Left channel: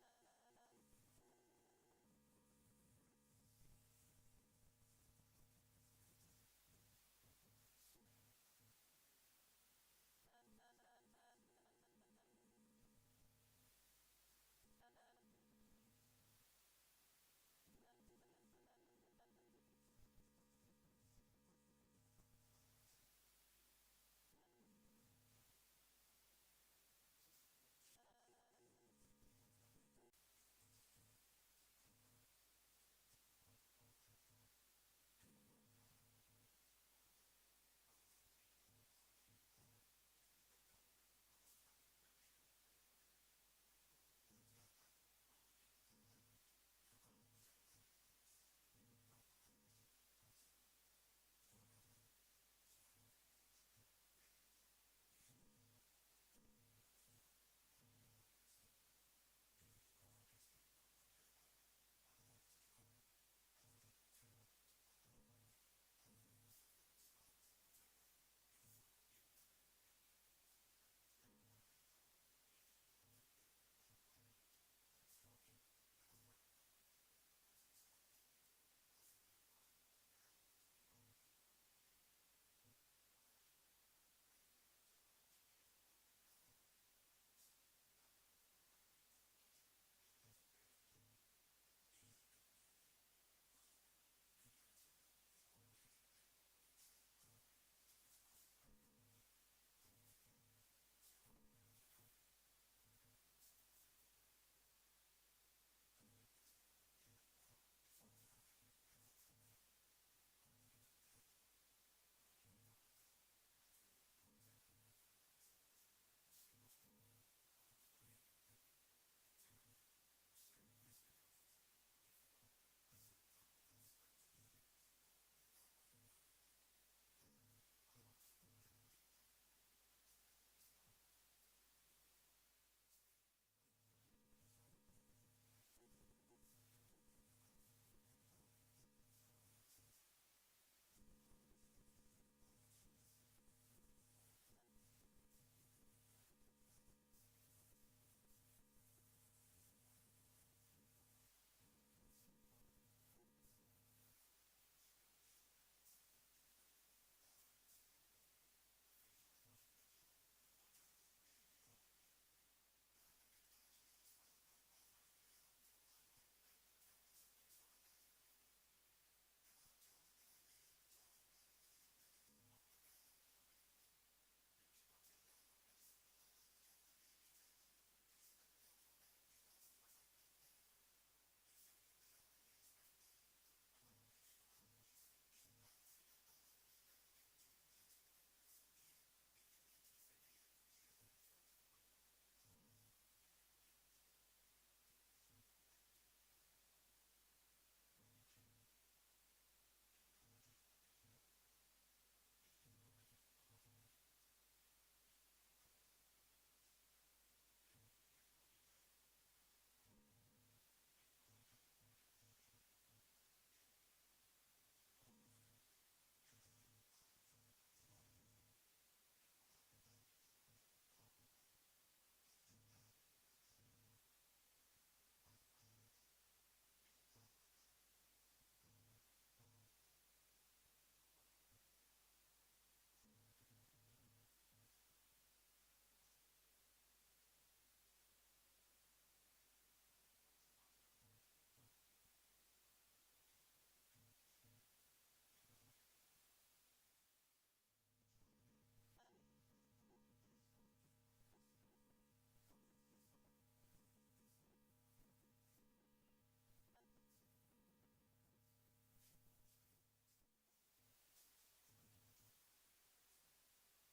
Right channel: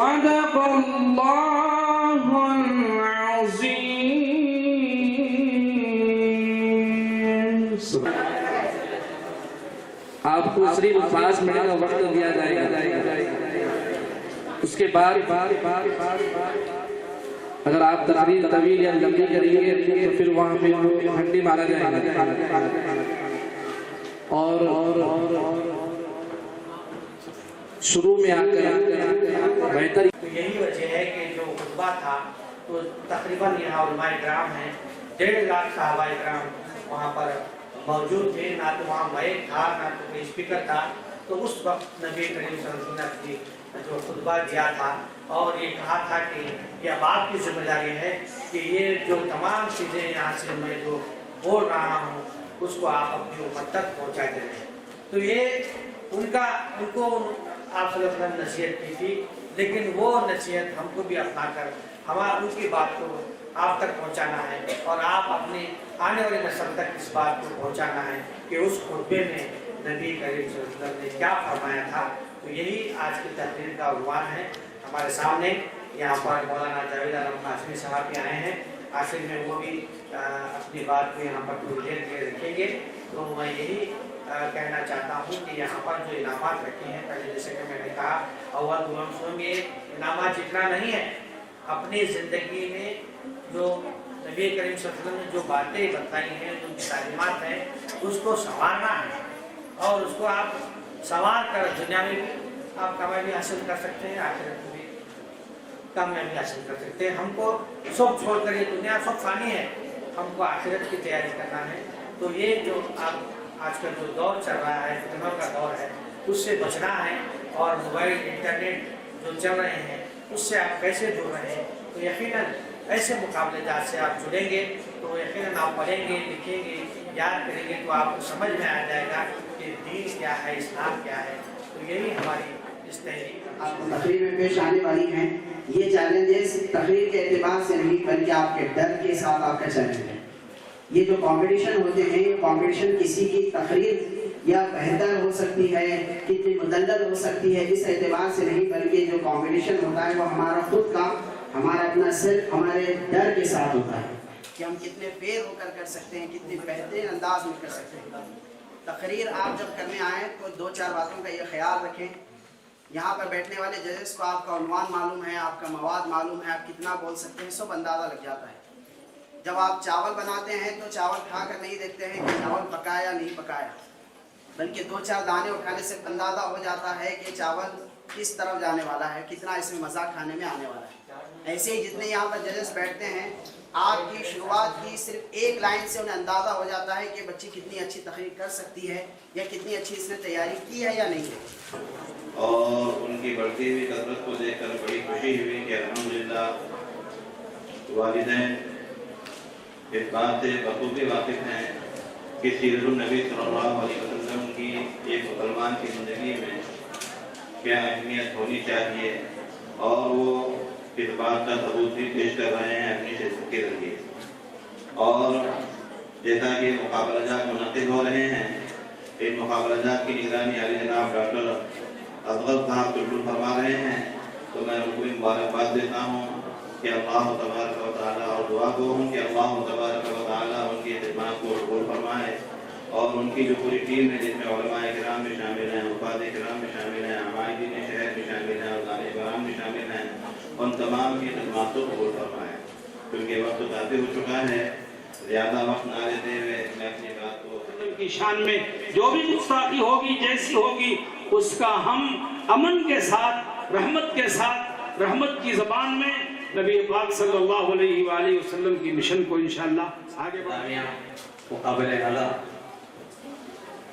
صدق اللہ العظیم۔ آپ کو صرف 5 منٹ کا وقت دیا جائے گا، اس کے بعد اگر آپ تقریر طویل یا لمبی کریں گے تو پھر وہاں پہ ہنڈی مارا جائے گا، اور شروع میں آ کر بہتر۔ یہی وجہ ہے کہ جو خطبہ تھا تو تقریباً یہاں علماء کرام ہیں، 1.5 لاکھ صحابہ کرام وہاں پر موجود تھے، نہ تو وہاں مائک تھا نہ تو کوئی اسپیکر تھا۔ تو اس وقت نبی کریم صلی اللہ علیہ وسلم نے جو خطبہ دیا تھا اور یہ کہا تھا کہ یہ اب آپ کی ذمہ داری ہے کہ یہ جو تمام چیزیں یہاں سے میں جو بول رہا ہوں اس کو آپ اپنی امت تک پہنچاتے رہیں۔ تو یہ ان کو آپ صلی اللہ علیہ وسلم نصیحت کی تھی، لیکن وہ نصیحت ہم کو بھی اپنا کر ہمارا ان کی بات کو آپ تک پہنچانا ہے، اور آپ اپنی آنے والی نسل تک اس بات کو پہنچانا ہے کہ اس خطبے میں نبی کریم صلی اللہ علیہ وسلم نے کیا فرمایا تھا۔ تو یہی آج کی تقریر کا عنوان ہے۔ ہمارے سامنے یہاں پر مولانا جاوید عالم قاسمی صاحب بھی آئے ہیں، آخر میں وہ بھی اپنی بات کو یہاں پر تھوڑی دیر کے رکھیں گے۔ تو میں یہی کہنا چاہتا ہوں کہ یہاں پر جو انعامات رکھے ہیں، پہلے جیسے کہ میں نے کہا اول غلام یہ انعامات جتنا نہیں ہے، اپنی زندگی میں جو نبی کریم صلی اللہ علیہ وسلم نے جو باتیں بتائی ہیں، جو تعلیمات ہیں، اس کو سنوارنا ہے، اور اس کو آپ سنوار کر دنیا میں بھی آپ کامیابی حاصل کر سکتے ہیں، آخرت میں بھی کامیابی حاصل کر سکتے ہیں۔ ہم کو سب چھوڑ کر یہ دنیا سب فانی ہے، ہم کو آخرت کی تیاری کرنا ہے۔ تو یہ جو آپ آج کل جو دور چل رہا ہے، فتنوں کا دور ہے، اس سے بچنا ہے، اور موبائل انٹرنیٹ جو چل رہے ہیں اس سے آپ کیسے جڑ رہے ہیں۔ تو یقیناً ایسے مقابلے جات سے آپ جڑیں گے تو یقیناً آپ پڑھیں گے، لکھیں گے، یاد کریں گے، تو آپ کو سمجھ میں آ جائے گا کہ دین کیا ہے، اسلام کیا ہے۔ تو یہی ہماری اس تحریک تقریر میں پیش آنے والی ہیں۔ یہ چیلنجز تقریر کے اعتبار سے نہیں بلکہ آپ کے ڈر کے ساتھ آپ کا چیلنج ہے۔ یہ جو کمپٹیشن ہوتے ہیں، یہ کمپٹیشن کسی کی تقریر یا بہتر ہو سکتی ہے، کتنی مدلل ہو سکتی ہے، اس اعتبار سے نہیں، بلکہ جو کمپٹیشن ہوتا ہے وہ ہمارا خود کا، ہمارا اپنا صرف ہمارے ڈر کے ساتھ ہوتا ہے کہ ہم کتنے فیر ہو کر سکتے ہیں، کتنے بہترین انداز میں کر سکتے ہیں۔ تقریر آپ جب کرنے آئیں تو 2-4 باتوں کا یہ خیال رکھیں۔ یہاں پر بیٹھنے والے ججز کو آپ کا عنوان معلوم ہے، آپ کا مواد معلوم ہے، آپ کتنا بول سکتے ہیں، سب اندازہ لگ جاتا ہے۔ جب آپ چاول بناتے ہیں تو چاول کھا کر نہیں دیکھتے ہیں کہ چاول پکایا یا نہیں پکایا، بلکہ 2-4 دانے اٹھانے سے اندازہ ہو جاتا ہے کہ چاول کس طرف جانے والا ہے، کتنا اس میں مزہ کھانے میں آنے والا ہے۔ ایسے ہی جتنے یہاں پر ججز بیٹھتے ہیں، آپ کی شروعات کی صرف 1 لائن سے انہیں اندازہ ہو جاتا ہے کہ بچی کتنی اچھی تقریر کر سکتی ہے، یا کتنی اچھی اس نے تیاری کی ہے یا نہیں ہے۔ اور ان کی بڑھتی ہوئی کثرت کو دیکھ کر بڑی خوشی ہوئی کہ الحمدللہ والدین اس بات سے بخوبی واقف ہیں کہ سیرت النبی صلی اللہ علیہ وسلم کی ایک مسلمان کی زندگی میں کیا اہمیت ہونی چاہیے، اور وہ اس بات کا ثبوت بھی پیش کر رہے ہیں اپنی شخصیت کے ذریعے۔ اور جیسا کہ مقابلہ جات منعقد ہو رہے ہیں، ان مقابلہ جات کی نگرانی علی جناب ڈاکٹر اصغر صاحب بالکل فرما رہے ہیں، تو میں ان کو مبارکباد دیتا ہوں کہ اللہ تبارک و تعالیٰ، اور دعا گو ہوں کہ اللہ تبارک و تعالیٰ ان کی خدمات کو قبول فرمائے، اور ان کی جو پوری ٹیم ہے جس میں علماء کرام بھی شامل ہیں، حفاظ کرام بھی شامل ہیں، عمائدین شہر بھی شامل ہیں، اور دانے کرام بھی شامل ہیں، ان تمام کی خدمات کو قبول فرمائے۔ کیونکہ وقت کافی ہو چکا ہے، زیادہ وقت نہ لیتے ہوئے میں اپنی بات کو کی شان میں جو بھی گستاخی ہوگی، جیسی ہوگی، اس کا ہم امن کے ساتھ، رحمت کے ساتھ، رحمت کی زبان میں نبی پاک صلی اللہ علیہ وآلہ وسلم کی مشن کو انشاءاللہ آگے بڑھائیں۔ مقابلہ اعلیٰ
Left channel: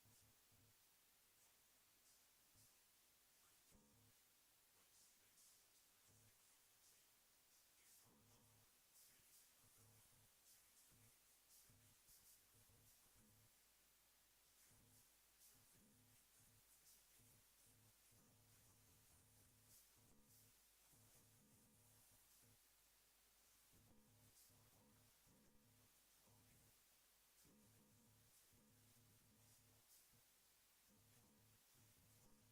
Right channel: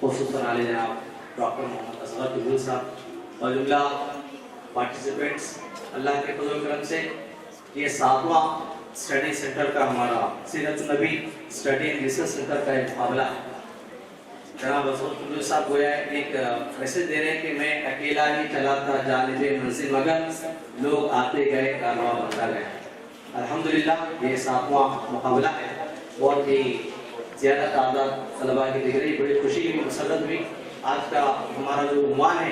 خصوصاً علی جناب ڈاکٹر محمد اصغر طلوع صاحب اور جملہ پارٹیسپینٹس، اللہ کے فضل و کرم سے یہ 7واں اسٹڈی سینٹر کا ہمارا سیرت النبی اسٹڈی اینڈ ریسرچ سینٹر کا ایک معاملہ ہے۔ جناب اصغر طلوع صاحب گویا ایک میسج دے رہے ہیں کہ میں اکیلا ہی چلا تھا جانب منزل، مگر لوگ آتے گئے، کارواں بنتا گیا۔ الحمدللہ یہ 7واں مقابلہ ہے، بہت ہی زیادہ تعداد طلباء کی دکھ رہی، بڑی خوشی ہوئی، مسرت ہوئی۔ آج کا ہمارا جو عنوان ہے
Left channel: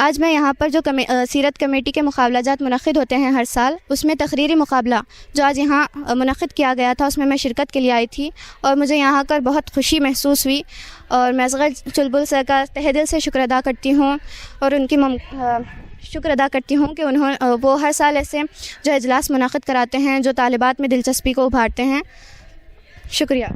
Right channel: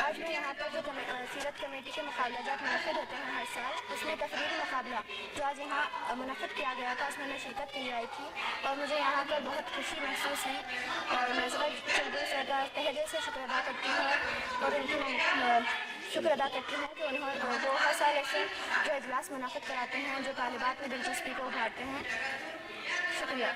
آج میں یہاں پر جو سیرت کمیٹی کے مقابلہ جات منعقد ہوتے ہیں ہر سال، اس میں تقریری مقابلہ جو آج یہاں منعقد کیا گیا تھا، اس میں شرکت کے لیے آئی تھی اور مجھے یہاں کر بہت خوشی محسوس ہوئی، اور میں اصغر چلبل سر کا تہہ دل سے شکر ادا کرتی ہوں اور ان کی شکر ادا کرتی ہوں کہ وہ ہر سال ایسے جو اجلاس منعقد کراتے ہیں جو طالبات میں دلچسپی کو ابھارتے ہیں. شکریہ.